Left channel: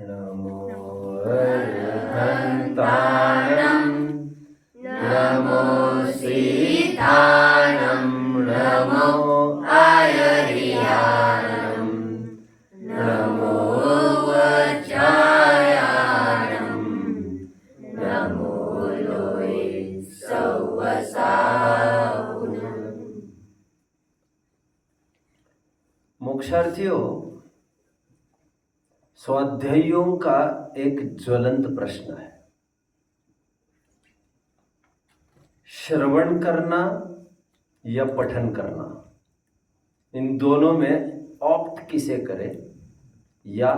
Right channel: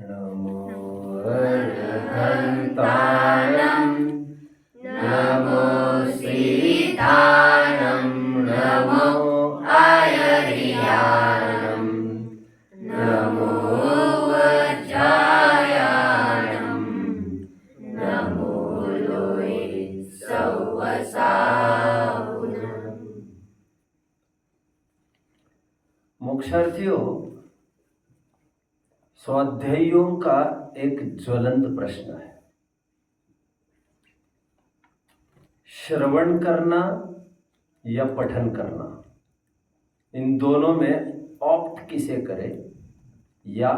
नमो अर्हन्ताणं नमो सीताणं नमो आयर्याणं नमो वज्रायाणं नमो लोये सौवसाहुनम्। मोक्षार्थियों, स्वाध्यायियों का एक ज्वलंत प्रश्न है, श्रवण करना या पठन करना, इन दोनों में ऑप्ट किसे करे या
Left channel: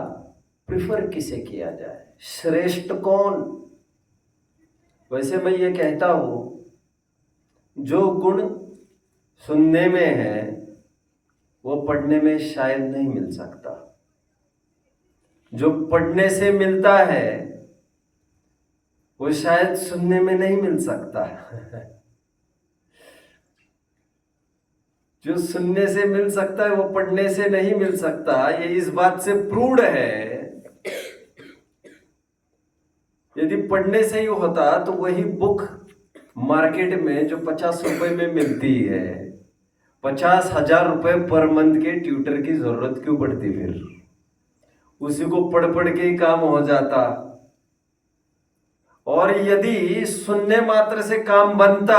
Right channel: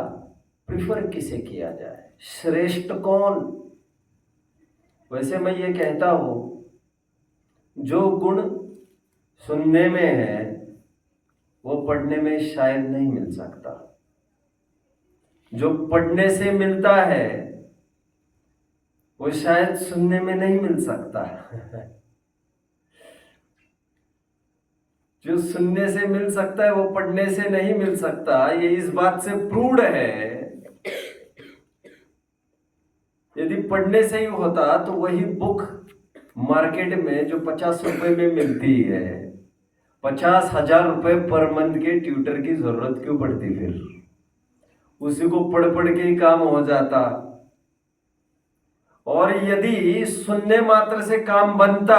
प्रिफर किसे किया जाए, श्रेष्ठ कौन। वैसे मैं ये कहता हूं, जो गुण सुनने में है वो पढ़ने में शायद नहीं मिल सकता, जो पढ़ने से मिलता है वो शायद सुनने में नहीं मिल सकता। जो सुनने से मिल सकता है वो पढ़ने से नहीं मिल सकता। ये इस बात से प्रूव्ड है। यदि पढ़ने से ही होता तो वही बुक मार्केट में जो 50 रुपए में मिलती है, 50,000 रुपए पर मंथ के ट्यूटर की जरूरत क्यों पड़ती? फिर उसी को पढ़ पढ़ के ही काम हो जाता। और यदि सुनने मात्र से काम बनता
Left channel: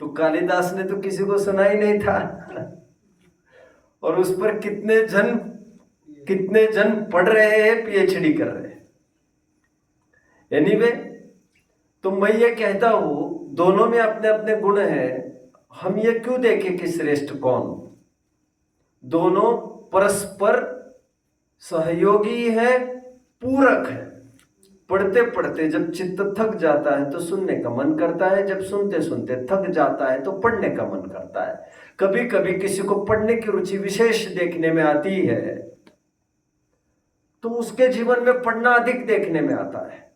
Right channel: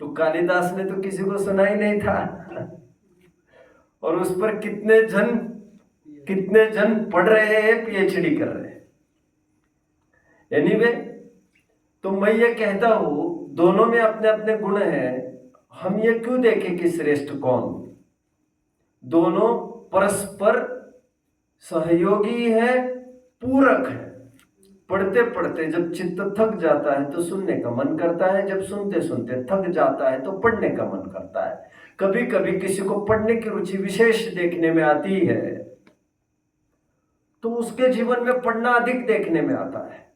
तो कालिदास ने तो किसी को सुना ही नहीं था। और उस पर कितने जन पढ़ रहे हैं, पीएचडी कर रहे हैं। एनीवे, तो मैं ये कहता हूं, दोनों में अपने अपने गुण हैं। हम ये क्यों देखें कि श्रेष्ठ कौन? दोनों परस्पर सहयोगी है, पूरक है। पढ़ते पढ़ते जब चित्त थक जाता है तो सुनने का मन करता है, जब सुनते सुनते थक जाता है तो पढ़ने का मन करता है। कभी कभी किसी को पढ़ने की रुचि विशेष देखने में आती है तो उसके जीवन में पढ़ना अधिक देखने में आता है,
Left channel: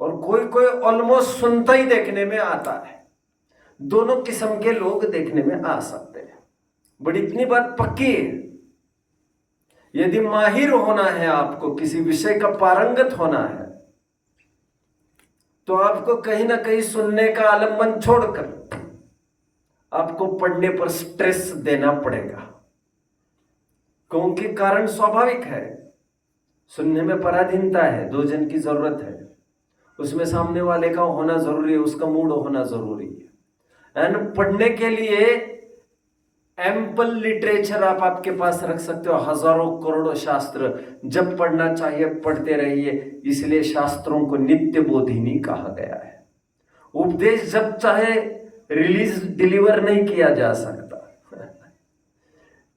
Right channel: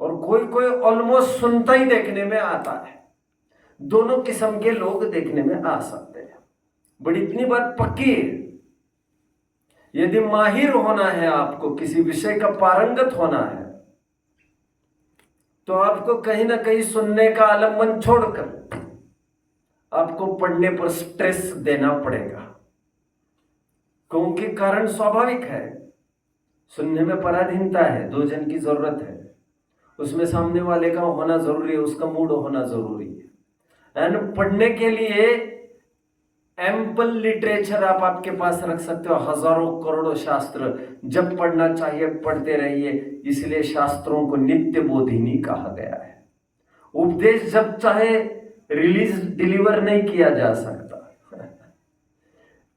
और कोई कोई ऑलमोस्ट सुनता ही देखने में आता है। दोनों किस्म के लोग देखने में आ सकते हैं। बट इतनी बात पक्की है, यदि माहिर होना है, आपको किसी विषय का पारंगत होना है, तो आपको कहीं ना कहीं सुनने का आलंबन छोड़कर आपको पढ़ने पर स्ट्रेस देना पड़ेगा। क्योंकि कारण स्वाभाविक है, सुनने में पराधीनता है, दो जन की जरूरत है, उसमें सामने वाले का होना जरूरी है, उसका मूड होना जरूरी है। एंड पढ़ने के लिए एम्पल लिटरेचर आप आपके पास रख सकते हो, हजारों करोड़ों शास्त्र। जब पढ़ना चाहिए पढ़ते रहिए, इसलिए शास्त्रों को नित्य बोधिनी कहा गया है। उपदेश जब चाहे रिलीज डिलीवर नहीं किया जा सकता,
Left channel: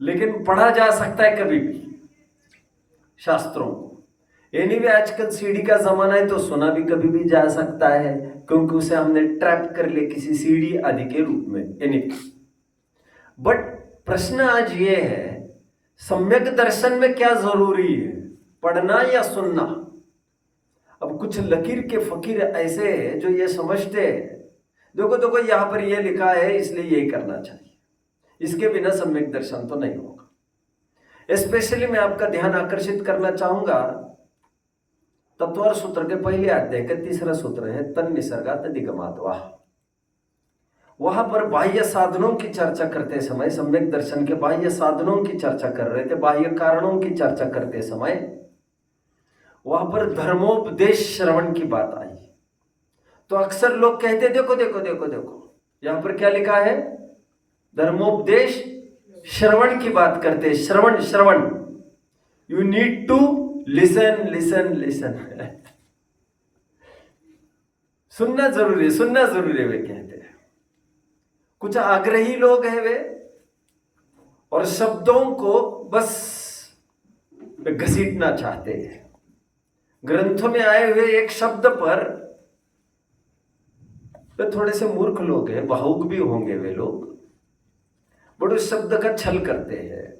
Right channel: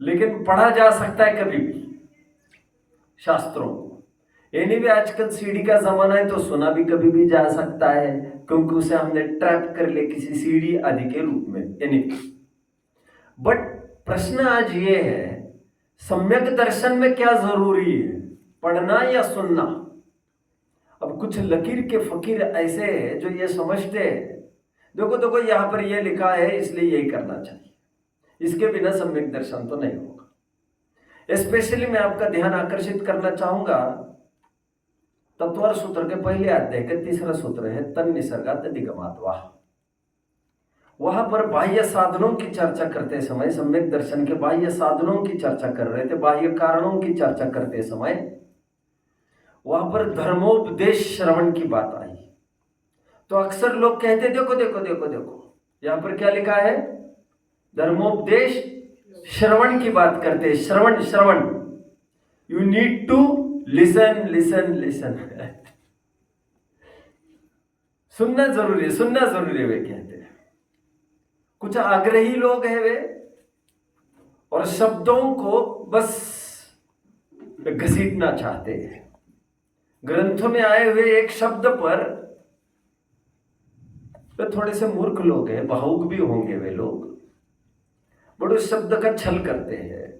लेकिन पढ़ा जा सकता है कभी भी शास्त्रों को। एनीवे, आजकल सीडी का जमाना है तो सुना भी कभी भी जा सकता है, क्योंकि उसे हमने ट्रैप कर लिया किसी सीडी आदि के रूप में। एनीवे, बट प्रश्न आज ये है, सम्यक दर्शन में क्या जरूरी है, पढ़ना या सुनना? अब कुछ लकीर के फकीर ऐसे हैं जो ये समझते हैं, देखो देखो यहां पर ये लिखा है इसलिए यही करना चाहिए, इसके बिना सम्यक दर्शन तो नहीं होगा। स्पेशली मैं आपका ध्यान आकर्षित करना चाहूंगा तत्वर सूत्र के पहले अध्याय का 3रा सूत्र है, तन निसर्गात अधिगमात् वाह। वहां पर बाह्य साधनों की चर्चा करते समय, सम्यक दर्शन के बाह्य साधनों की चर्चा कर रहे थे, बाह्य कारणों की चर्चा करते समय वहां पर धर्मोपदेश श्रवण की बात आई। तो अक्सर लोग कहते देखो देखो देखो देखो यहां पर क्या लिखा है, धर्मोपदेश श्रवण की बात करते हैं। श्रवण श्रवण, you need to listen listen listen. सुनना जरूरी है, सुनना जरूरी है, वे कहते हैं। कुछ आग्रही लोग हैं वे, और शब्दों को बस घसीटना चाहते हैं। ग्रंथों में आए हुए एक शब्द पर वे थोड़े से मूर्ख लोग हैं, भावुक भी होंगे वे लोग, बट उस शब्द का छल करते हैं।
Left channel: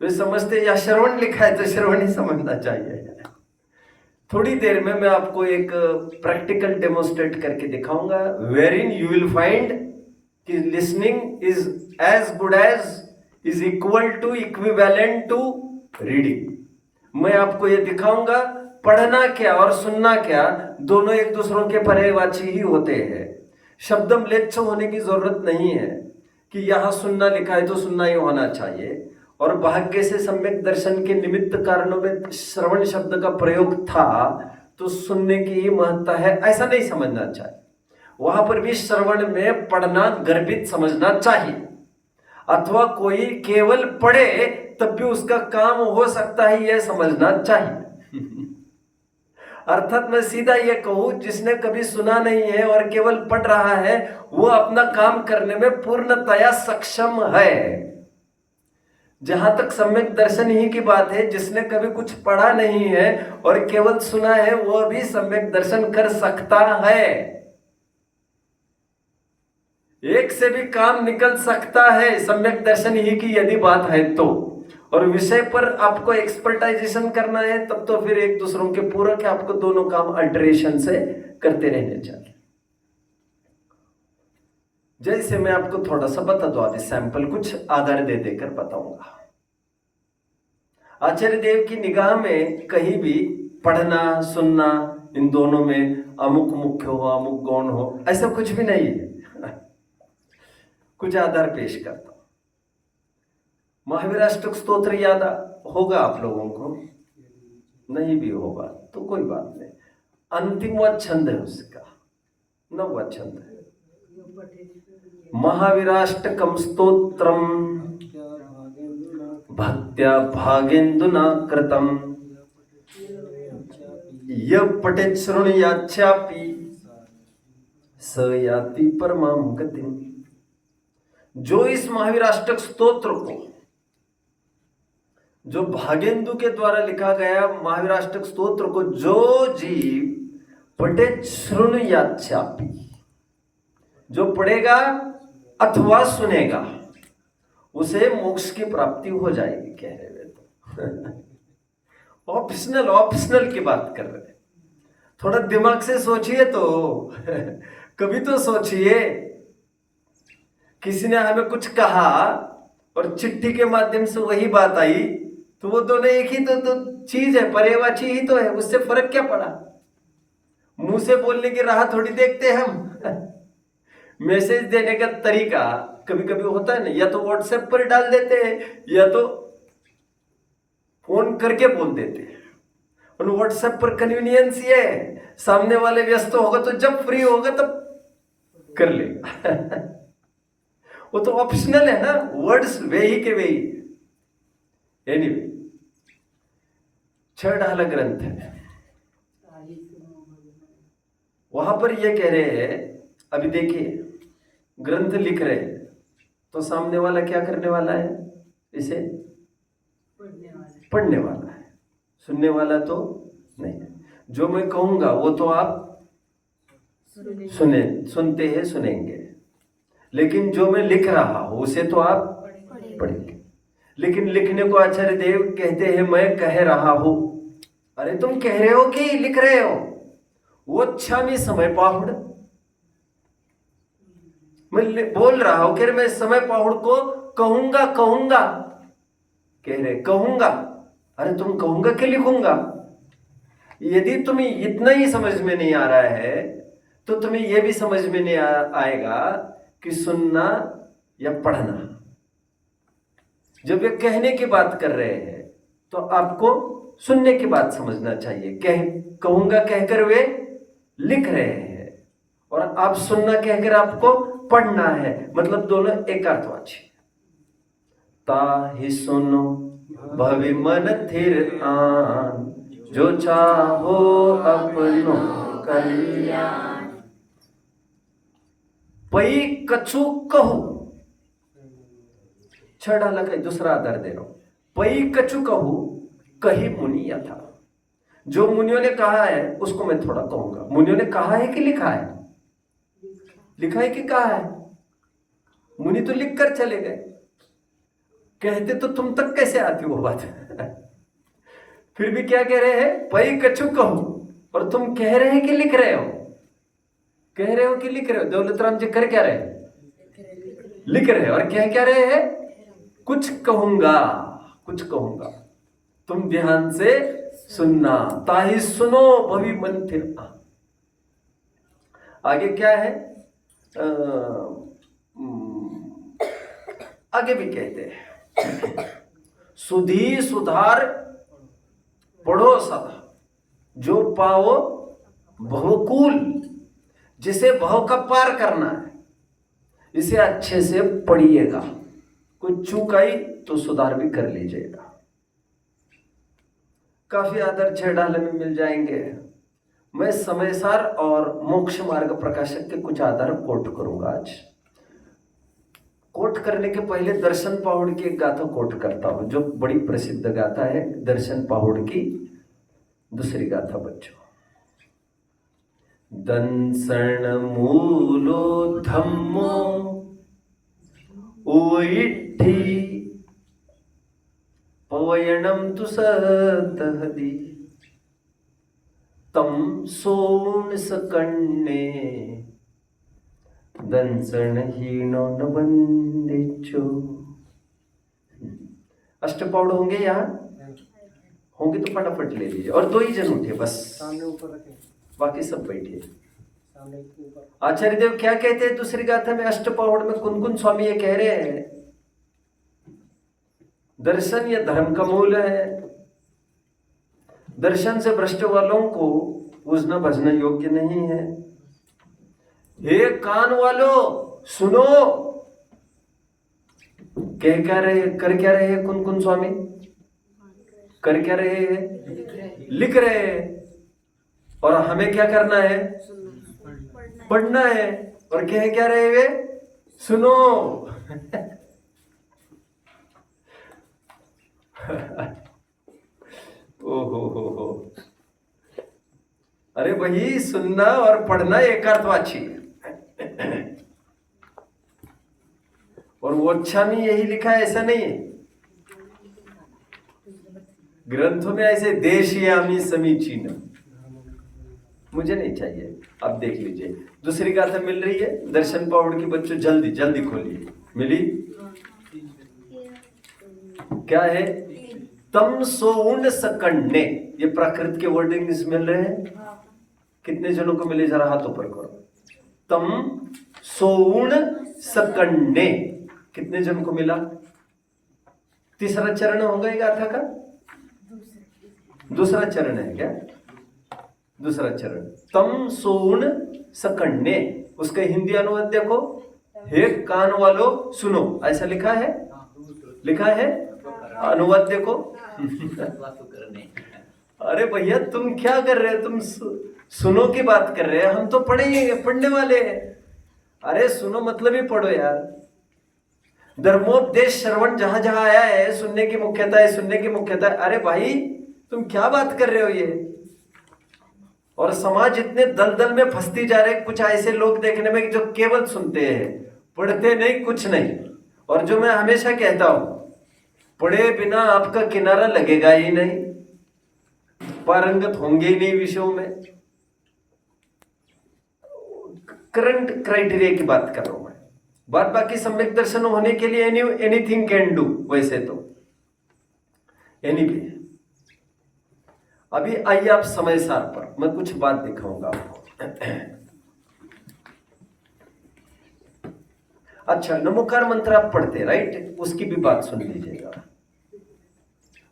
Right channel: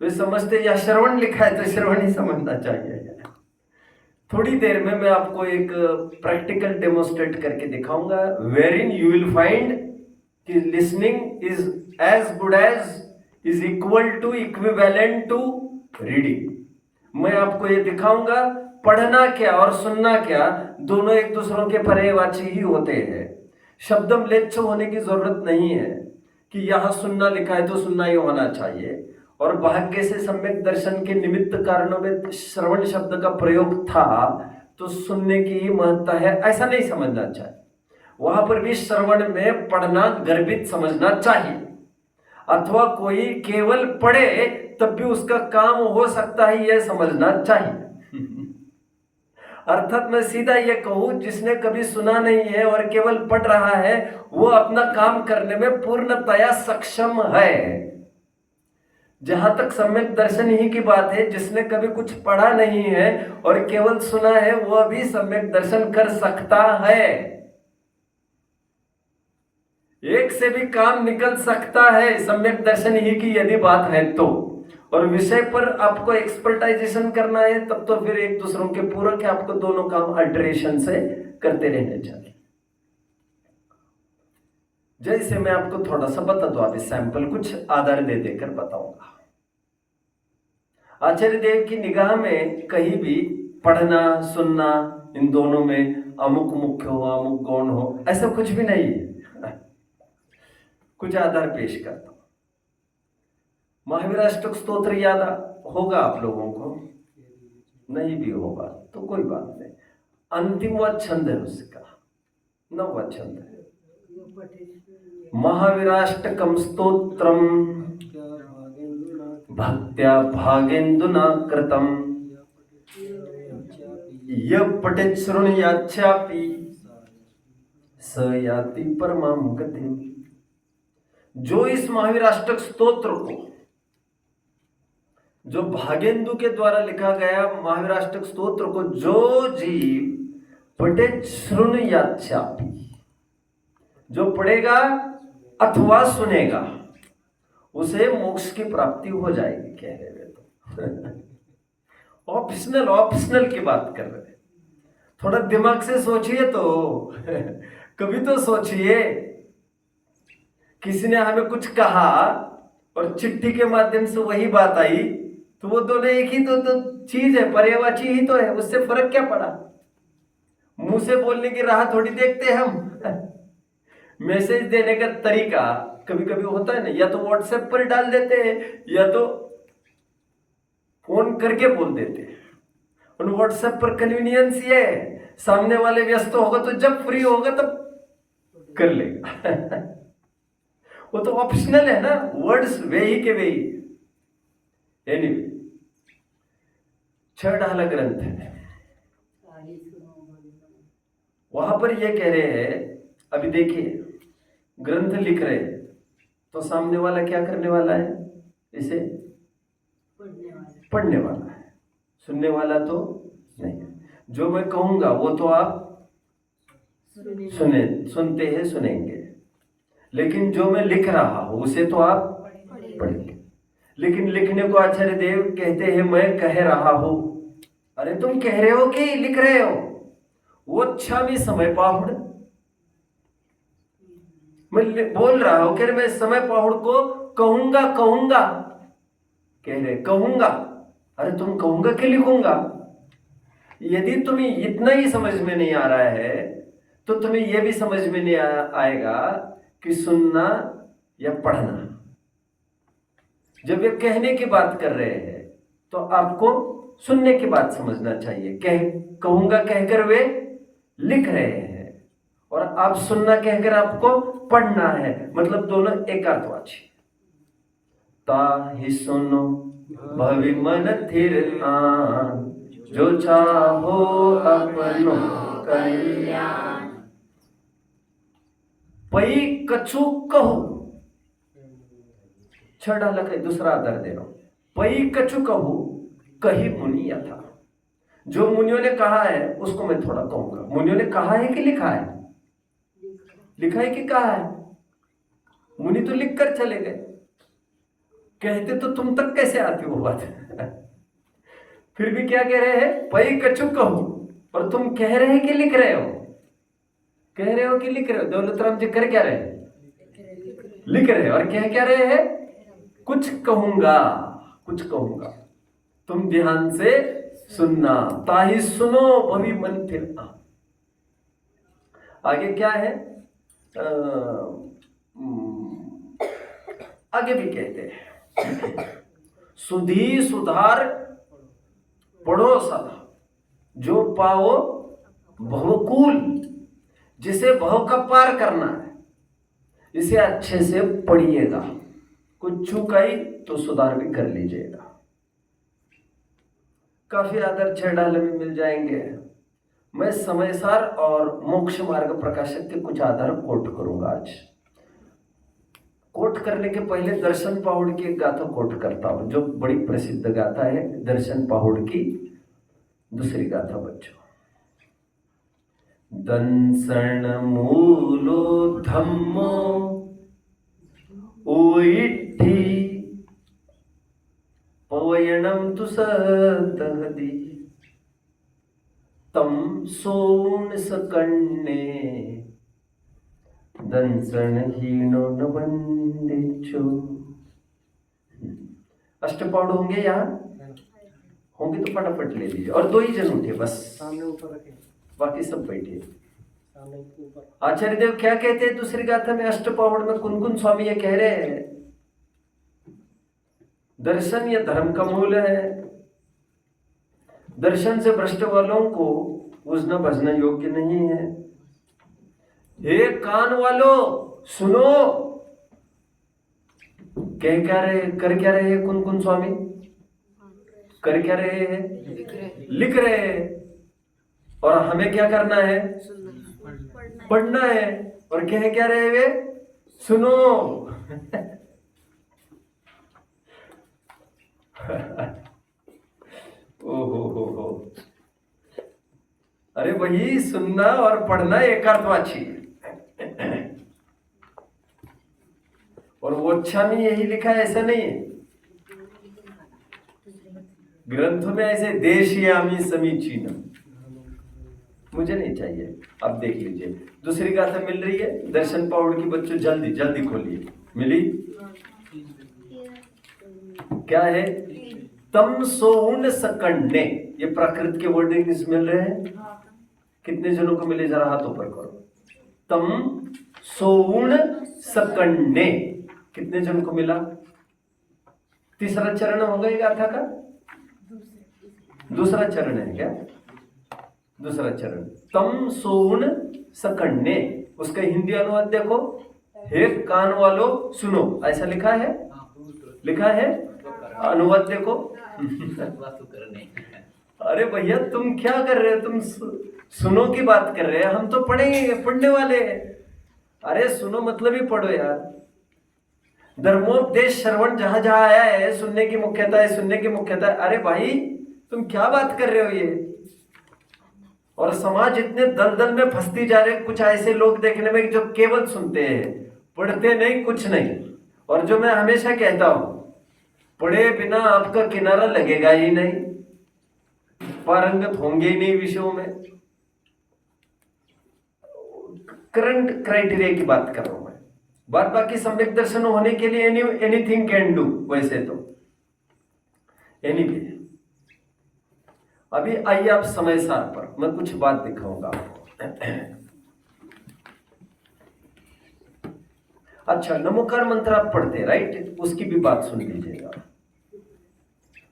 वे समझते या श्रवण लिखा है तो श्रवण ही समझना चाहिए। थोड़ी देर में मैं आपको एक प्रैक्टिकल डेमोन्स्ट्रेट करके दिखाऊंगा, wherein you will find कि listening is as good as is equal to equivalent to reading. मैं आपको ये दिखाऊंगा पढ़ना क्या और सुनना क्या दोनों एक दूसरों के पर्यायवाची ही होते हैं। शब्दम्लेच्छ होने की जरूरत नहीं है कि यहां सुनना लिखा है तो सुनना ही होना चाहिए। और भाग्य से सम्यक दर्शन के निमित्त कारणों में श्रवण शब्द का प्रयोग था तो सुनने की ही महत्ता है ऐसा नहीं समझना चाहिए। वहां पर भी श्रवण में पढ़ना गर्भित समझना चाहिए, अथवा कोई केवल पढ़े तब भी उसका काम हो सकता है यह समझना चाहिए। अर्थात मैं सीधा ये कहूं, जिसने कभी सुना नहीं है और केवल पढ़ रहा है वो अपना काम करने में पूर्णतया सक्षम है। जहां तक सम्यक दर्शन ही की बात है, जिसने कभी कुछ पढ़ा नहीं है और केवल सुना है वह भी सम्यक दर्शन कर सकता है। एक से भी काम निकल सकता है सम्यक दर्शन ही की यदि बात है तो। और विषय पर आपको एक्सपर्टाइजेशन करना है तब तो फिर एक दूसरों के पूरक है, आपको दोनों काम अल्टरेशन से करते रहने चाहिए। जैसे मैं आपको थोड़ा सा बता दो, आदि सैंपल कुछ आधार दे देकर बताऊंगा। आचार्य देव की निगाह में कहीं भी पढ़ना सुनना इन दोनों में अमुक मुख्य हो अमुक गौण हो ऐसा कुछ भी नहीं है। कुछ आधार पेश करता हूं। महावीराष्टक स्तोत्र याद होगा आप लोगों को, नहीं भी होगा तो कोई बात नहीं। अंतिमवा छंद है उसका, 9वां छंद है। महावीराष्टकम स्तोत्रम भक्त्या भागेन्दुना कृतम यः पठेत् शृणुयाच्चापि स याति परमां गतिम्। जो इस महावीराष्टक स्तोत्र को, जो भागेंदु के द्वारा लिखा गया महावीराष्टक स्तोत्र को जो जीव पठेत् शृणुयाच्चापि, जो पढ़ेगा अथवा सुनेगा उसे मोक्ष की प्राप्ति हो जाएगी। कह रहे तो ऑप्शनल की बात कर रहे हैं। थोड़ा दिमाग से सोचिए तो कभी तो सोचिए, किसी ने हमें कुछ कहा और चिट्ठी के माध्यम से वही बात आई तो वो दोनों एक ही तो चीज है, पर्यायवाची ही तो है, उससे फर्क क्या पड़ा। मुंह से बोलने की राह थोड़ी देखते हम। मैसेज देने का तरीका कभी कभी होता है ना, या तो व्हाट्सएप पर डाल देते हैं या तो फोन करके बोल देते हैं। और व्हाट्सएप पर कन्वीनियंस ये है, सामने वाले व्यस्त होगा तो जब फ्री होगा तब कर लेगा। वो तो ऑप्शनल है ना, वर्ड्स वे ही के वे ही। एनीवे, 6 ढाला ग्रंथ है, वहां पर ये कह रहे हैं। अभी देखिए, ग्रंथ लिख रहे हैं तो सामने वाला क्या करने वाला है, इसे पढ़ने वाला है, सुनने वाला तो नहीं है। जो मैं कहूंगा वो तो आप सुनते हैं सुनेंगे, लेकिन जो मैं लिख रहा हूं उसे तो आप पढ़ेंगे। लेकिन लिखने को आचार्य देव कहते हैं मैं कह रहा हूं। अरे तुम कह रहे हो कि लिख रहे हो? वो अच्छा मी समय पाहुड़, मैं बोल रहा हूं, कह रहे मैं समय पाहुड़ को कहूंगा कह रहे कहूंगा। अरे तुम कहूंगा कि लिखूंगा? यदि तुम्हें इतना ही समझ में नहीं आ रहा है तो तुम्हें यह भी समझ में नहीं आएगा कि सुनना या पढ़ना। जब वे कहने की बात कर रहे हैं तो आपको सुनने की बात समझना चाहिए। कहूंगा कहकर वे लिख रहे हैं और आप सुनना कहकर आपको पढ़ना है, मतलब दोनों एक अर्थवाची। ताहि सुनो भवि मन थिर आन, जो चाहो अपनो कल्याण। पई कछु कहू, 6 डाला का दूसरा आधार दे रहा हूं। पई कछु कहू कही मुनि यथा। जो मुनियों ने कहा है उसको मैं थोड़ा कहूंगा। मुनियों ने कहा है कि लिखा है? लिखा है कि कहा है? मुनि तो लिख कर चले गए, कहते तो तुम तक कैसे आती वो बात। फिर भी क्या कह रहे हैं? पई कछु कहू, और तुम कह रहे हैं कि लिख रहे हो? कह रहे हो कि लिख रहे हो? दौलतराम जी कर क्या रहे? लिख रहे हैं। और कह क्या रहे हैं? कुछ कहूंगा, कुछ कहूंगा, तुम ध्यान से सुनना। ताहि सुनो भवी मन फिर। आगे क्या है? आगे भी कहते हैं, सुधी सुधार पढ़ो सदा, जो पाओ भवकूल, जिसे भव का पार करना है, इसे अच्छे से पढ़िएगा। कुछ चूक आई तो सुधार भी कर लीजिएगा। काफी आदर 6 डाले में मिल जाएंगे। मैं समयसार और मोक्ष मार्ग प्रकाशक के कुछ आधार कोट करूंगा आज। कोट करने के पहले दर्शन पाहुड़ की एक गाथा कोट करता हूं, जो बड़ी प्रसिद्ध गाथा है। दर्शन पाहुड़ की दूसरी गाथा बच्चों। दंसण मूलो धम्मो उइट्ठी पवयणम तु सदहदी तम सोम सकन्ने दंसण हीनो न वंदिचो। अष्टपौड़ होंगे यहाँ? होंगे तो फटाफट ले लीजिए। और 2 ही जन उठे बस, सामने ऊपर रखें, बाकी सब बैठिए। सामने ऊपर। आचार्य देव क्या कहते हैं दूसरी गाथा में? अष्टपौड़ में कुनकुन स्वामी ये कह रहे हैं, दर्शन ये धर्म का मूल है। दर्शन से भ्रष्ट वालों को पूजना भजना योग्य नहीं है। हे कान वालों सुनो। कह क्या रहे, कर क्या रहे हैं कुनकुन स्वामी? कर क्या रहे हैं? लिख रहे हैं। और हमें क्या करना है? पढ़ना है। और कह क्या रहे वे? सुनो। ओहो, अरे वही सुनना और पढ़ना एक अर्थवाची है। और वो अच्छा में यही लिखा है ऐसा नहीं है। ग्रंथों में ऐसे देशयामी समीचीन, मुझे नहीं चाहिए। अब देख लीजिए दूसरी गाथा मिल रही है दर्शन पाउड की बच्चों, जल्दी जल्दी खोलिए। मिली? क्या है? तम सोउन सकन्ने। ये प्राकृत के वर्डिंग्स मिल रहे हैं। कितने जनों को मिले जरा हाथ ऊपर करो। तम सोउन सकन्ने कितने जन को मिला? तीसरा चरण होगा ये गाथा का? दूसरा चरण है क्या? दूसरा चरण। तम सोउन सकन्ने, उसका हिंदी अनुवाद देखो। हे कान वालों सुनो, ऐसा लिखा है? लिखा है? अनुवाद देखो। अरे भैया तुम क्या कर रहे हो? तुम सुनो की बात कर रहे हैं, हम तो पढ़ेंगे, पढ़ने वाले हैं। अरे सुनो मतलब ही पढ़ो यार। धर्मोपदेश श्रवण जहां जहां आया है, सुनने की मुख्यता है, सुनने की मुख्यता है। अरे भाई तुम क्या बात कर रहे हो ये? और समाज इतने दलदल में फंसती जा रहे। कुछ ऐसे लोग देखने में जो केवल सुनते हैं, पढ़ते नहीं, कुछ नहीं। और जो मैं हमेशा कहता हूं, पढ़े बिना आपका किनारा लगेगा ही नहीं, पारंगत होंगे ही नहीं विषयों में। करंट क्राइटेरिया की बात कर रहा हूं मैं। बात बाकी सम्यक दर्शन होने के लिए एनीथिंग कैन डू। वैसे तो एनीवे, अभी आइए आप समय सार पर मैं कुछ बात दिखाऊंगा आपको। अच्छा, नमोकार मंत्र आप पढ़ते राइट? उसकी भी बात सुन लीजिएगा।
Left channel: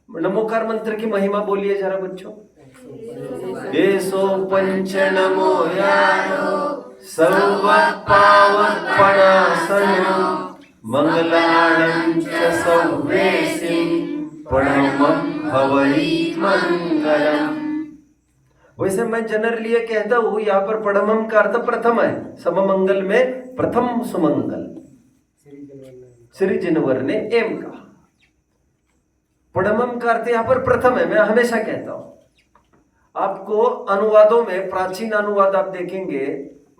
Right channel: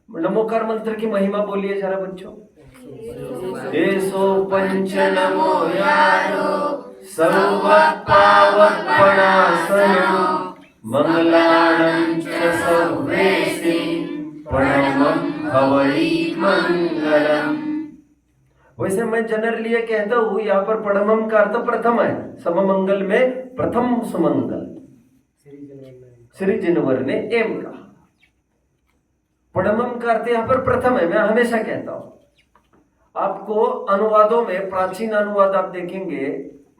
नमोकार मंत्र की महिमा बोलिए जरा बच्चों। एसो पंच नमो यारो सर्व पावक पणासनो मंगलाणं च सर्वेसिं प्रणमं हवै मंगलम। वैसे मैं जनरली ये कहता हूं, यहाँ पर पढ़मम का अर्थ प्रथम है। सममंगल में प्रथम सुमंगल श्री जिनवर ने एम का। पढ़मम का अर्थ यहाँ पर प्रथम है। मैं हमेशा कहता हूं आपको, अनुवादों में प्राचीन अनुवाद आप देखेंगे,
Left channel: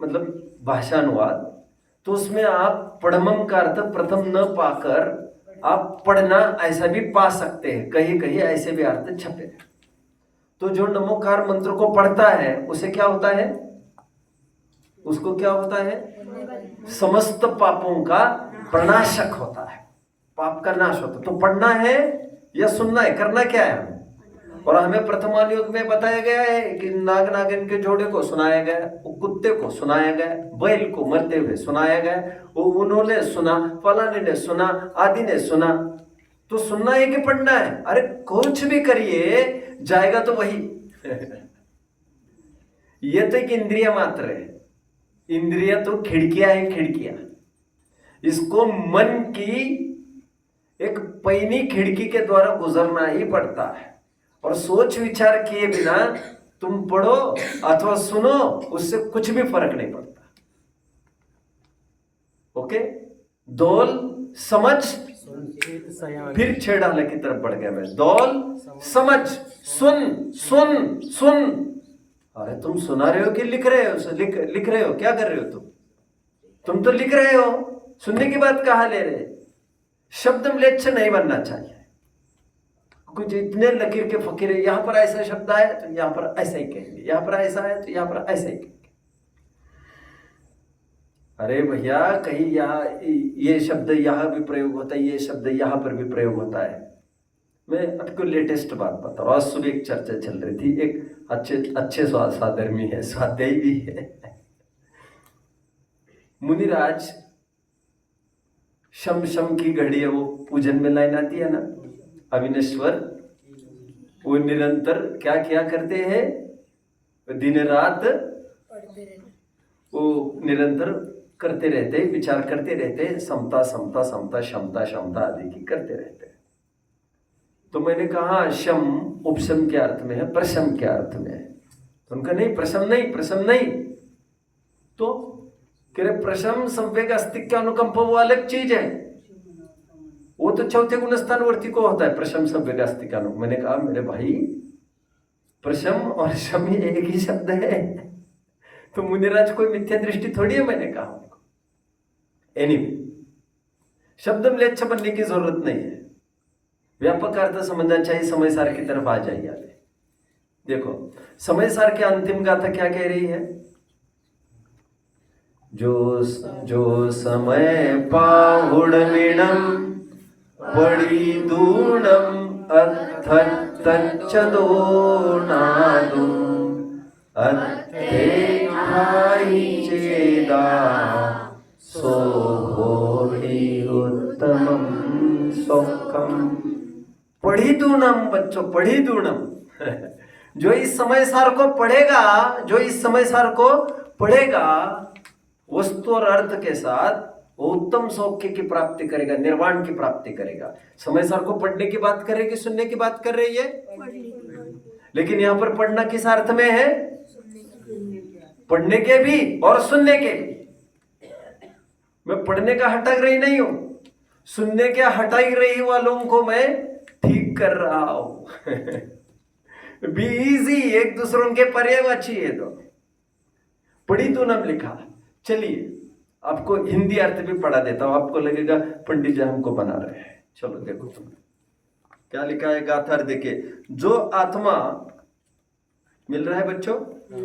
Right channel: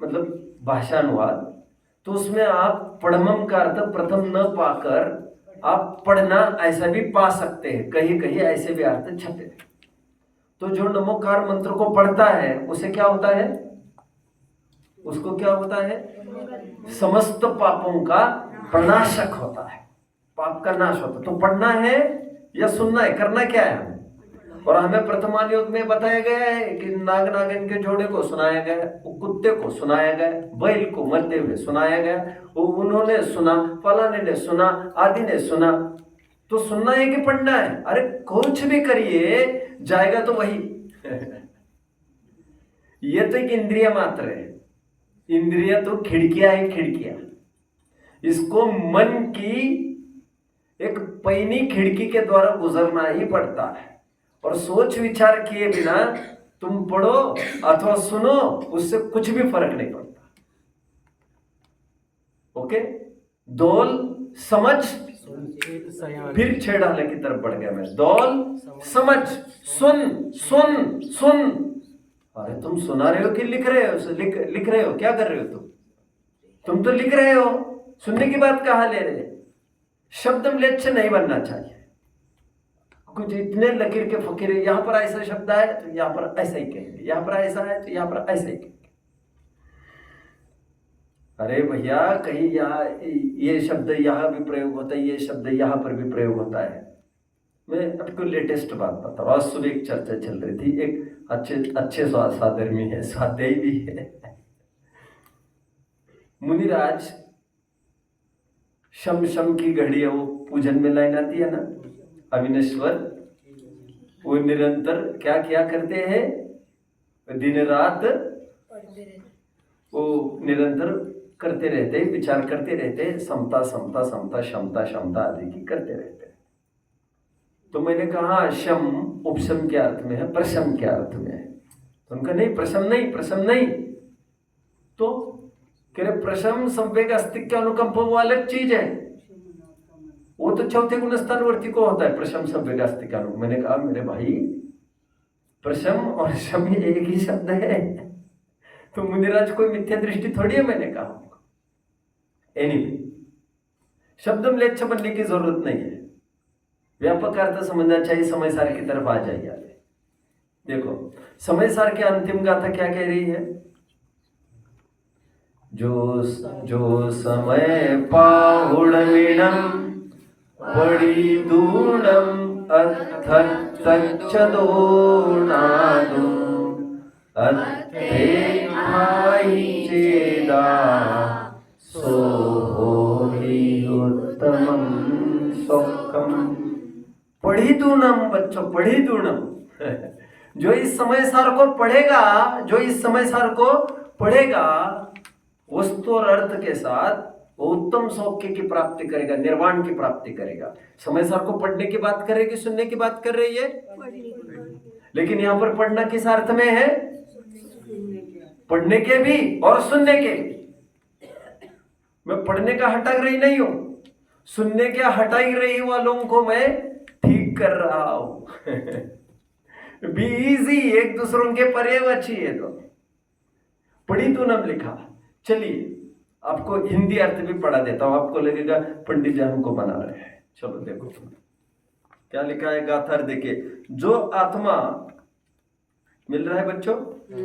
मतलब भाषा अनुवाद, तो उसमें आप पढ़मम का अर्थ प्रथम न पाकर आप पढ़ना ऐसा भी पा सकते हैं। कहीं कहीं ऐसे भी अर्थ छपे। तो जो नमोकार मंत्र को पढ़ता है उसे क्या होता है? उसको क्या होता है? समस्त पापों का प्रणाशक होता है। पाप का नाश होता। तो पढ़ना है या सुनना है, करना क्या है हमें? और हमें प्रथमान युग में बताया गया है कि नाग नागिन के जोड़े को सुनाया गया, वो कुत्ते को सुनाया गया, बैल को मरते हुए सुनाया गया, वो उन्होंने सुना, फलाने ने सुना, आदि ने सुना। तो सुनना है कि पढ़ना है? अरे कुछ भी करिए, जाएगा तो वही। ये तो एक इंद्रिय मात्र है। इंद्रिय तो खिड़कियां है, खिड़कियां। इसको मन की एक पैनी खिड़की के द्वारा गुजरना ही पड़ता है। और सोच विचार किए बिना तुम पढ़ो अथवा सुनो, उससे कुछ भी फर्क नहीं पड़ता। ओके, दौल समझ फिर छेड़ाने की तरफ बढ़ गया मैं। दौल समझ सुन सुन सुन। अरे तुम सुना रहे हो कि लिख रहे हो? लिख रहे हो, क्या कर रहे हो तुम तो लिख रहे हो, सुनने की बात कहां ले रहे? शब्द म्लेच्छ नहीं बनना चाहिए। कुछ इतने लकीर के फकीर है, यहां पर ऐसा शब्द है तो यहां पर ऐसा ही कहेंगे, यहां पर ऐसा है तो यहां पर ऐसा ही कहेंगे। अरे भैया, कहीं यहाँ ये शब्द यहां भी प्रयोग होता है, ये शब्द यहां पर भी प्रयोग होता है। मैं आपको लेटेस्ट बात बता रहा हूँ। आज सुबह एक चर्चा चल रही थी, एक अच्छे स्वाधर्मी है, स्वाध्यायी भी है, मुनिराज शम की घड़ी है, वो पूजन में लाइन आती है ना, अविनेश्वर, वो निरंतर क्या किया करते हैं? दिन रात वो निरंतर करते रहते, विचार करते रहते, समता समता समता क्षमता क्षमता आदि की करते रहते। तो मैंने कहा शम उपशम के अर्थ में है, प्रशम के अर्थ में है। तो उनका नहीं, प्रशम नहीं, प्रशम नहीं। तो कह रहे प्रशम संवेग अस्तित्व अनुकंप वो अलग चीज है, वो तो चौथे गुणस्थान वर्ती को होता है प्रशम संवेग अस्तित्व अनुकंप। मैंने कहा मेरे भाई, प्रशम और शम एक ही शब्द है, तो मुनिराज कोई मिथ्या दृष्टि थोड़ी है। मैंने कहा एनीवे, शब्द म्लेच्छ बनने की जरूरत नहीं है, व्यापक अर्थ समझना चाहिए। समय सार की तरफ आ जाइए। देखो समय सार की अंतिम गाथा क्या कह रही है? जो समय पाहुण विणम पड़ी दूणम अथच्चदो नादु अथे भाई चेदा सो होहि उत्तमम सुखम। पढ़ी दूणम बच्चों, पढ़ी दूणम। जो इस समय सार को पढ़ेगा, जो इस समय सार को पढ़ेगा, वस्तु और अर्थ के साथ वो उत्तम सौख्य की प्राप्ति करेगा, निर्वाण की प्राप्ति करेगा। समय सार को पढ़ने की बात कर रही है कि सुनने की बात कर रही है? लेकिन यहां पर पढ़ना किस अर्थ में है? पढ़ने के भी और सुनने के भी। मैं पढ़ने का हटाग्रही नहीं हूं, सुनने के हटाई रही वालों को मैं ठीक कर रहा हूं। बी इजी, एक दूसरों के पर्यायवाची है। तो पढ़ी तो नाम लिखा। चलिए आपको हिंदी अर्थ भी पढ़ा देता हूं, आपको लगेगा पंडित जी हमको बना रहे हैं। चलो देखो क्या लिखा है गाथा। देखिए, जो आत्मा मिल रहा है बच्चों,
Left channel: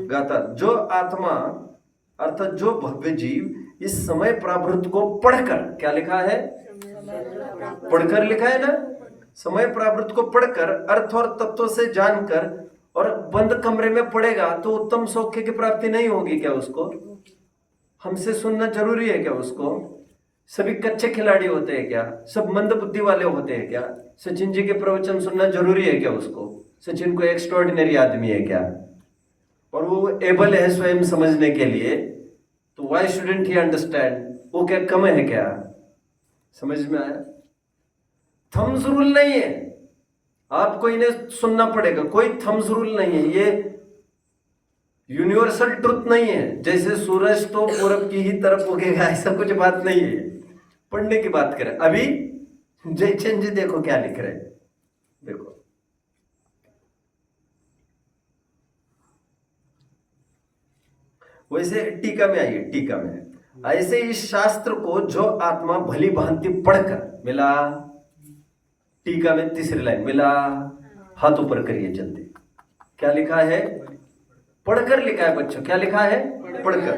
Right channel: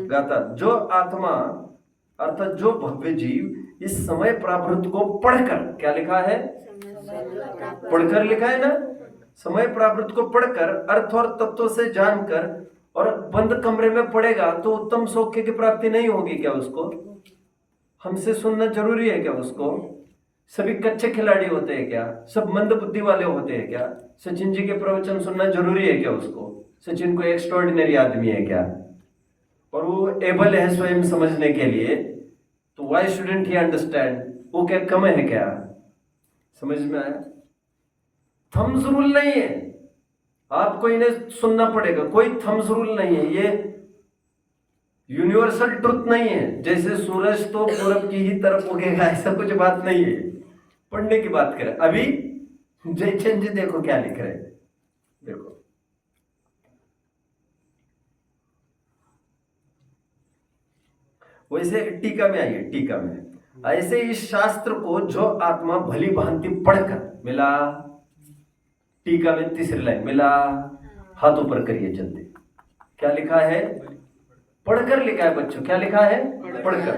गाथा। जो आत्मा अर्थात जो भव्य जीव इस समय प्रावृत्त को पढ़कर, क्या लिखा है? पढ़कर लिखा है ना। समय प्रावृत्त को पढ़कर अर्थ और तत्व से जानकर और बंद कमरे में पढ़ेगा तो उत्तम सौख्य की प्राप्ति नहीं होगी क्या उसको? हमसे सुनना जरूरी है क्या उसको? सभी कच्चे खिलाड़ी होते हैं क्या? सब मंद बुद्धि वाले होते हैं क्या? सचिन जी के प्रवचन सुनना जरूरी है क्या उसको? सचिन को एक्स्ट्राऑर्डिनरी आदमी है क्या? और वो एबल है स्वयं समझने के लिए, तो व्हाई शुडंट ही अंडरस्टैंड? वो क्या कम है क्या? समझ में आया? थम्स रूल नहीं है, आपको इन्हें सुनना पड़ेगा। कोई थम्स रूल नहीं है, ये यूनिवर्सल ट्रुथ नहीं है। जैसे सूरज तो पूरब की ही तरफ उगेगा, ऐसा कुछ बात नहीं है। पढ़ने की बात करें। अभी जयचंद जी देखो क्या लिख रहे हैं, देखो वैसे टीका में आइए। टीका में ऐसे इस शास्त्र को जो आत्मा भली भांति पढ़कर मिला, टीका में तीसरी लाइन मिला, हाथ ऊपर करिए जल्दी। क्या लिखा है? पढ़कर लिखा है बच्चों। क्या लिखा है? पढ़कर,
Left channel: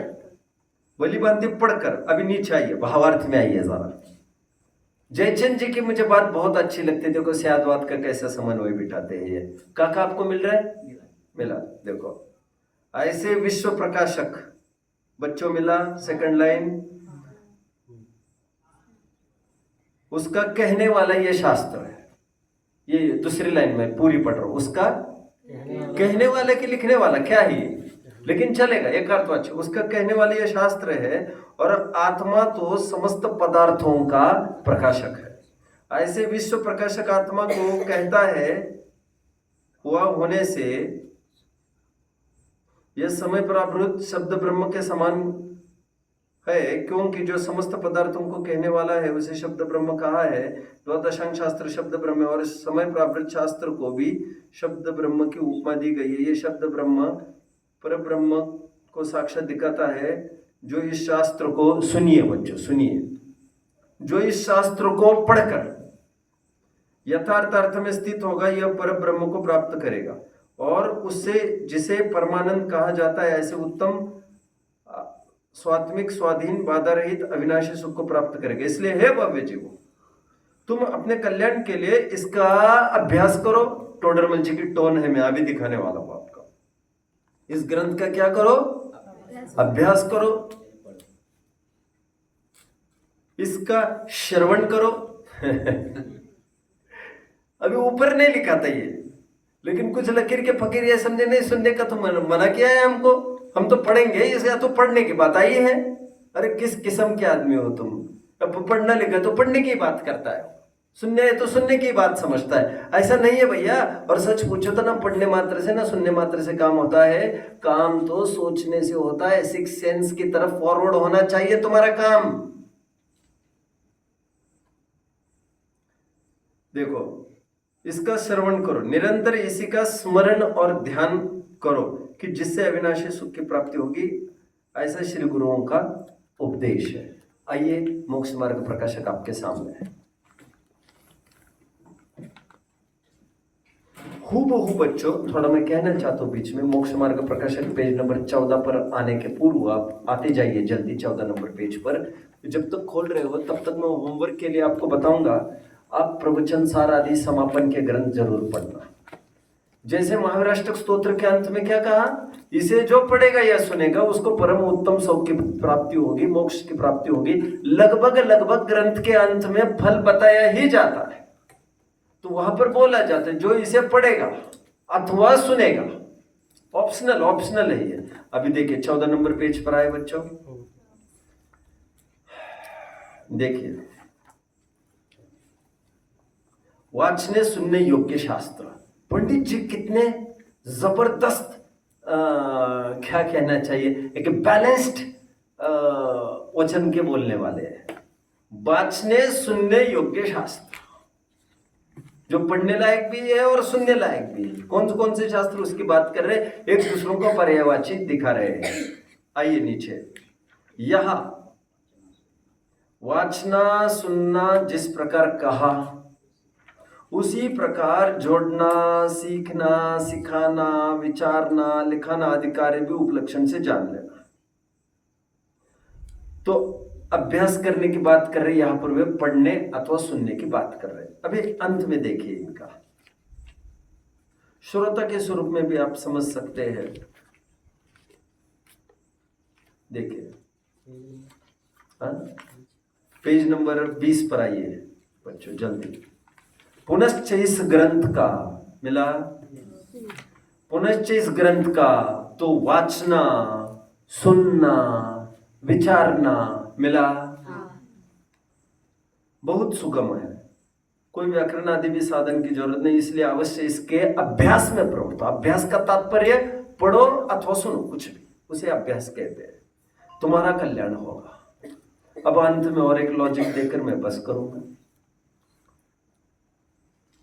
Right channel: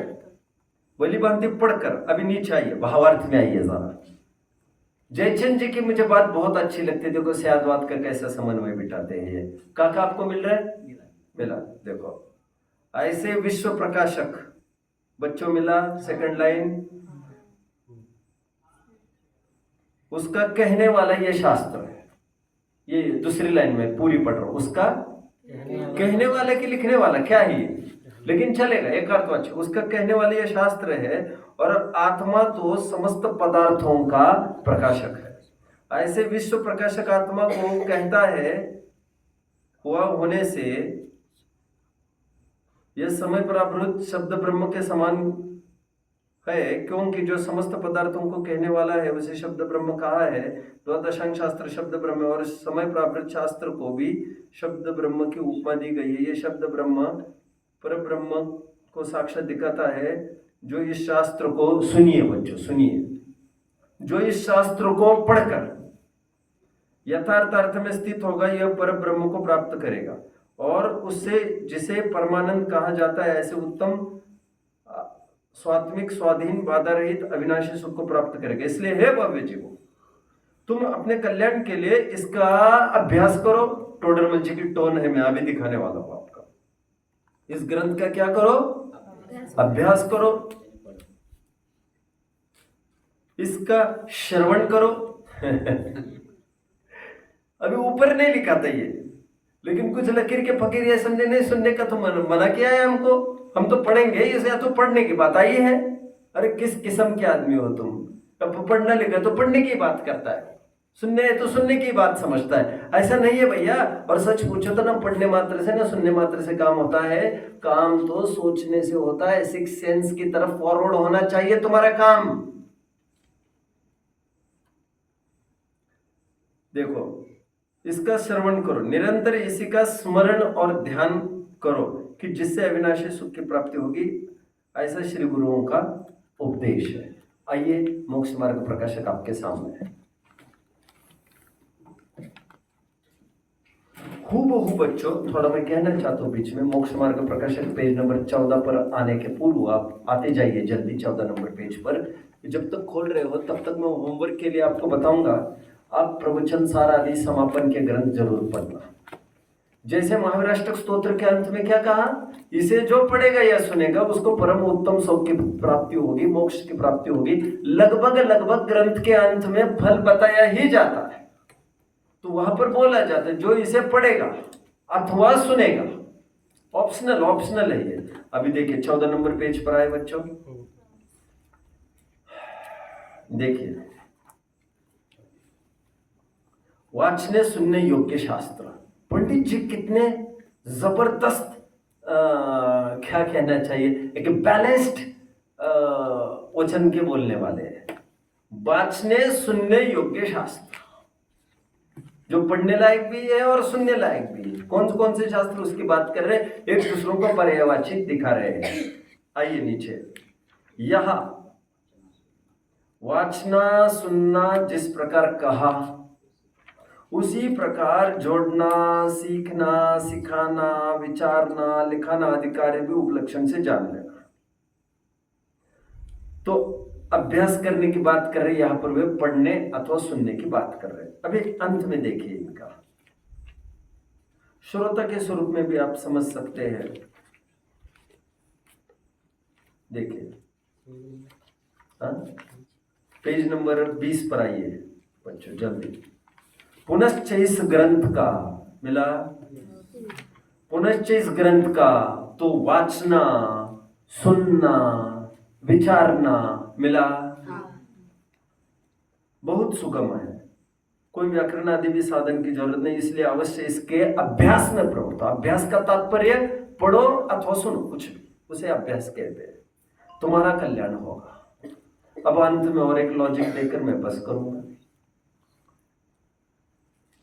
भली भांति पढ़कर। अभी नीचे आइए, भावार्थ में आइए जरा। जयचंद जी की मुझे बात बहुत अच्छी लगती है। देखो स्यादवाद का कैसा समन्वय बिठाते हैं ये। काका आपको मिल रहा है? मिला। देखो ऐसे विश्व प्रकाशक बच्चों मिला। सेकंड लाइन, उसका कहने वाला ये शास्त्र है। ये दूसरी लाइन में पूरी पढ़ रहा हूं। उसका कहने वाले की लिखने वाला क्या है ये, लेकिन चलेगा, एक अर्थ अच्छा। उसका कहने वाले ये शास्त्र है और आत्मा तो समस्त पदार्थों का प्रकाशक है। ऐसे विश्व प्रकाशक आत्मा को कहता है हुआ होने से यह समय पर आवृत शब्द ब्रह्म के समान है, क्योंकि जो समस्त पदार्थों को कहने वाला है उसे शब्द ब्रह्म कहा है। द्वादशांग शास्त्र शब्द ब्रह्म है और समय प्रावृत शास्त्र को भी शब्द ब्रह्म की उपमा दी गई है। ये शब्द ब्रह्म पर ब्रह्म को साक्षात दिखाता है। जो इस शास्त्र को, सुनिए बच्चों सुनिए, जो इस शास्त्र को पढ़कर यथार्थ अर्थ में स्थित होगा यह पर ब्रह्म को प्राप्त करेगा और उससे जिसे परमानंद कहा जाता है ऐसे उत्तम स्वात्मिक स्वाधीन बाधा रहित अविनाशी सुख को प्राप्त करेगा। इसलिए हे भव्य जीवो, तुम अपने कल्याण के लिए इसका अभ्यास करो। टोडरमल जी की टोन है, मैं अभी दिखाने वाला हूं आपका। इस ग्रंथ का क्या करो? अभ्यास करो, इसका श्रवण करो। अभी ऊपर नहीं लिखा था ये, लेकिन कुछ लकीर के फकीर ये समझे नहीं, सुनने का तो मना किया है हमको, हम तो पढ़ेंगे इसे। या तो पढ़ने की बात आई है। अरे किस किस्म के आदमी हो तुम? अब पढ़ना लिखा तो पढ़ने की बात करता है, सुनने तो सुनने की बात समझता है। ऐसा नहीं है भैया। और सच पूछो तो ना पढ़ने मात्र से ना सुनने मात्र से काम होता है, काम तो सोचने से होता है। सिक्स सेंस की तरफ फॉरवर्ड होना चाहिए तुम्हारा काम। देखो, इसका श्रवण करो, निरंतर इसी का स्मरण और ध्यान करो कि जिससे अविनाशी सुख की प्राप्ति होगी। ऐसा श्री गुरुओं का उपदेश है। आइए मोक्ष मार्ग प्रकाशक आपके सामने है। हूबहू बच्चों, थोड़ा मैं कहना चाहता हूँ बीच में। मोक्ष मार्ग प्रकाशक पेज नंबर 14 पर आने के पूर्व आप आते जाइए जल्दी 14 नंबर पेज पर। जब तक खोल रहे हो तब तक मैं होमवर्क के लिए आपको बताऊंगा, आप प्रवचन सार आदि समापन के ग्रंथ जरूर पढ़ना। जैसे महावीराष्टक स्तोत्र के अंत में क्या कहा? इसे जो पढ़ेगा या सुनेगा उसको परम उत्तम सुख की प्राप्ति होगी, मोक्ष की प्राप्ति होगी। लगभग लगभग ग्रंथ के अंत में फल बताया ही जाता है। तो वहां पर बोला जाता है जो इसे पढ़ेगा अथवा सुनेगा। ऑप्शनल ऑप्शनल है ये। अभी देखिए 14 नंबर पेज पर आए बच्चों, देखिए वाचने सुनने योग्य शास्त्र। पंडित जी कितने जबरदस्त क्या कहना चाहिए, एक बैलेंस्ड वचन के बोलने वाले हैं। वाचने सुनने योग्य शास्त्र जो पढ़ने लायक भी है और सुनने लायक भी है। कौन कौन से शास्त्र उसकी बात कर रहे हैं, एक दूसरों को पर्यायवाची दिखा रहे हैं। आइए नीचे, यह वाचना सुनना जिस प्रकार कहा उसी प्रकार जोड़ना सीखना सिखाना विचारना लिखाना आदि कार्य भी उपलक्षण से जान लेना। तो अभ्यास करने की बात कर रहे, यहां पर वे पढ़ने अथवा सुनने की बात कर रहे हैं। अभी अंत में देखिए इनका श्रोता के स्वरूप में भी आप समझ सकते हैं। देखिए पेज नंबर 20 पर आइए बच्चों जल्दी। पुनश्च इस ग्रंथ का मिला, पुनश्च इस ग्रंथ का तो वाचना सुनना विचारना मिला बहुत सुगम है। कोई व्याकरण आदि भी साधन की जरूरत नहीं, इसलिए अवश्य इसके अभ्यास में प्रवृत्त। अभ्यास का तात्पर्य पढ़ो अथवा सुनो, कुछ भी उसे अभ्यास कहते हैं। तुम्हारा कल्याण होगा। अब अंत में और एक लॉजिक देकर मैं बस करूंगा।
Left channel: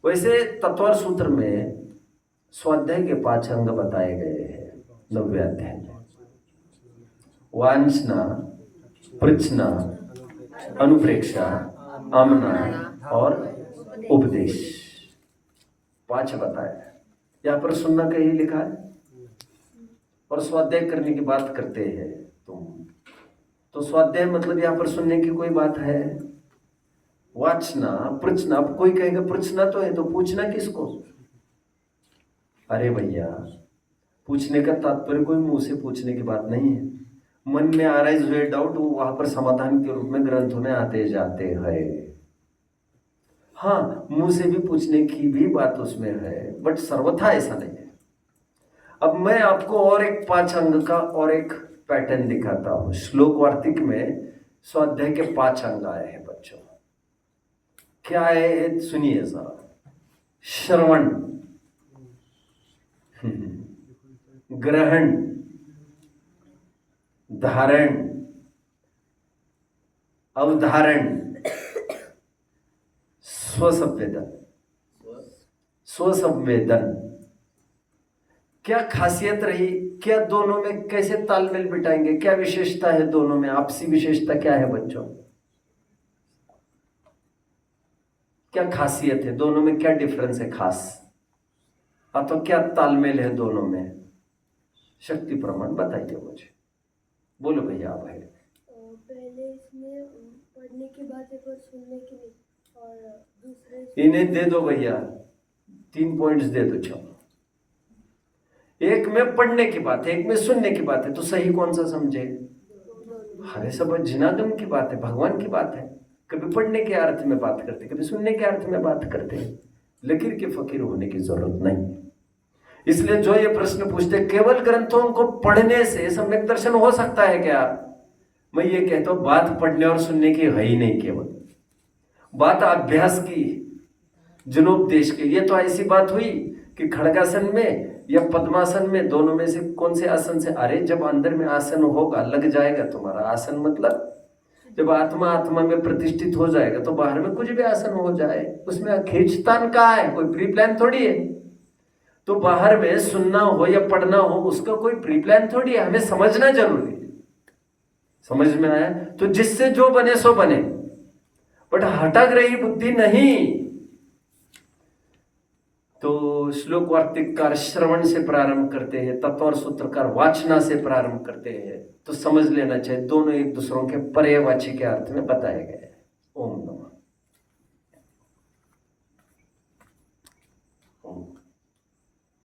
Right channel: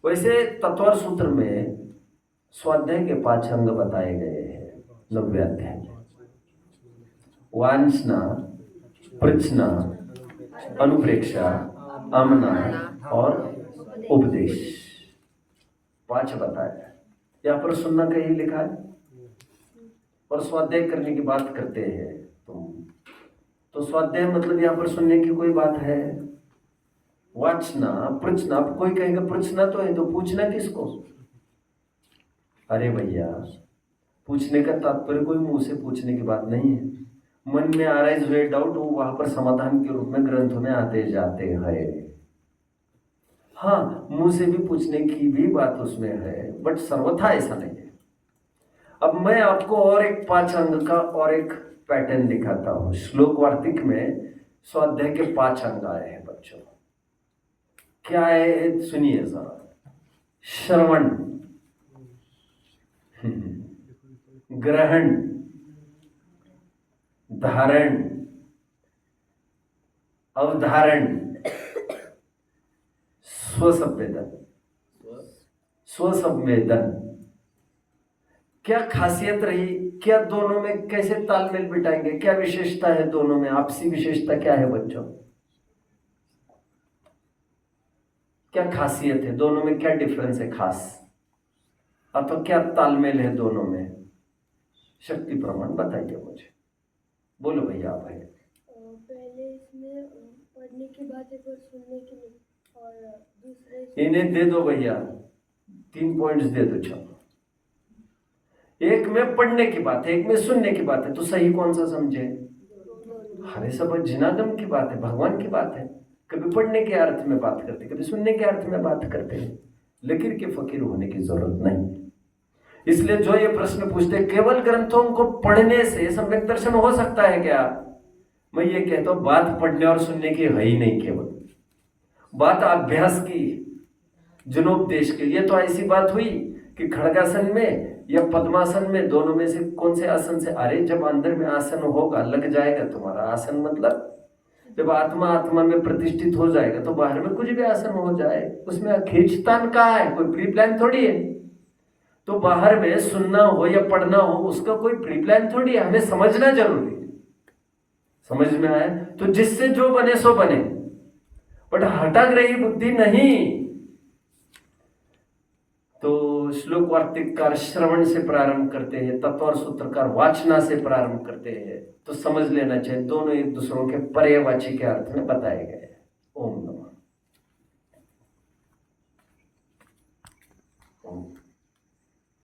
वैसे तत्वर सूत्र में स्वाध्याय के 5 अंग बताए गए हैं 90 अध्याय में। वांछना, पृच्छना, अनुप्रेक्षा, आमना और उपदेश, 5 बताया। यहाँ पर सुनना कहीं लिखा है और स्वाध्याय करने की बात करते हैं तुम, तो स्वाध्याय मतलब यहाँ पर सुनने की कोई बात है? वाचना, पृछना। अब कोई कहेगा पृछना तो है तो पूछना किसको? अरे भैया, पूछने का तात्पर्य कोई मुंह से पूछने की बात नहीं है। मन में अराइज हुए डाउट, वो वहां पर समाधान के रूप में ग्रंथों में आते जाते हैं। हाँ, मुंह से भी पूछने की भी बात उसमें है, बट सर्वथा ऐसा नहीं है। अब मैं आपको और एक 5 अंग का और एक पैटर्न दिखाता हूं। श्लोक वार्तिक में स्वाध्याय के 5 अंग आए हैं बच्चों। क्या है सुनिए जरा। श्रवण, ग्रहण, धारण, अवधारण, स्वसंवेदन। स्वसंवेदन क्या खासियत रही? क्या दोनों में कैसे तालमेल बिठाएंगे? क्या विशेषता है दोनों में? आपसी विशेषता क्या है बच्चों? क्या खासियत है दोनों में? क्या डिफरेंस है खास? तो क्या तालमेल है दोनों में? शक्ति प्रमाण बताइए मुझे। बोलो भैया आप है। पहले इसमें पढ़ने की बात है पर सुनने की नहीं, और दूसरे इन्हें दे दो भैया, 3 पॉइंट्स दे दो। चलो, एक में पढ़ने की बात है, एक में सुनने की बात है, तो सही कौन सा समझे? अरे सब जिनागम की बात है, भगवान की बात है। कभी पढ़ने के अर्थ में बात करते, कभी सुनने के अर्थ में बात करते हैं। लकीर के फकीर होने की जरूरत नहीं। इसलिए जो ये प्रश्न पूछते केवल ग्रंथों को पढ़ने से सम्यक दर्शन हो सकता है क्या? मैं ये कहता हूं बात पढ़ने और सुनने की है ही नहीं, केवल बात अभ्यास की, जनोपदेश की। ये तो ऐसी बात हुई कि खड़गासन में या पद्मासन में, दोनों में से कौन से आसन से? अरे जब अंदर में आसन होगा, लग जाएगा तुम्हारा आसन, मतलब जब आत्मा आत्मा में प्रतिष्ठित हो जाएगा तो बाहर में कुछ भी आसन हो जाए, उसमें खींचतान कहाँ है? कोई प्री प्लान थोड़ी है। तो बाहर में सुनना हो या पढ़ना हो, उसका कोई प्री प्लान थोड़ी है। हमें समझना जरूरी है। समझ में आया? तो जिससे जो बने सो बने, बट हटाग्रही बुद्धि नहीं। तो श्लोक वार्तिककार श्रवण से प्रारंभ करते हैं, तत्व सूत्रकार वाचना से प्रारंभ करते हैं। तो समझ लेना चाहिए दोनों एक दूसरों के पर्यायवाची के अर्थ में बताए गए। ओम नमः।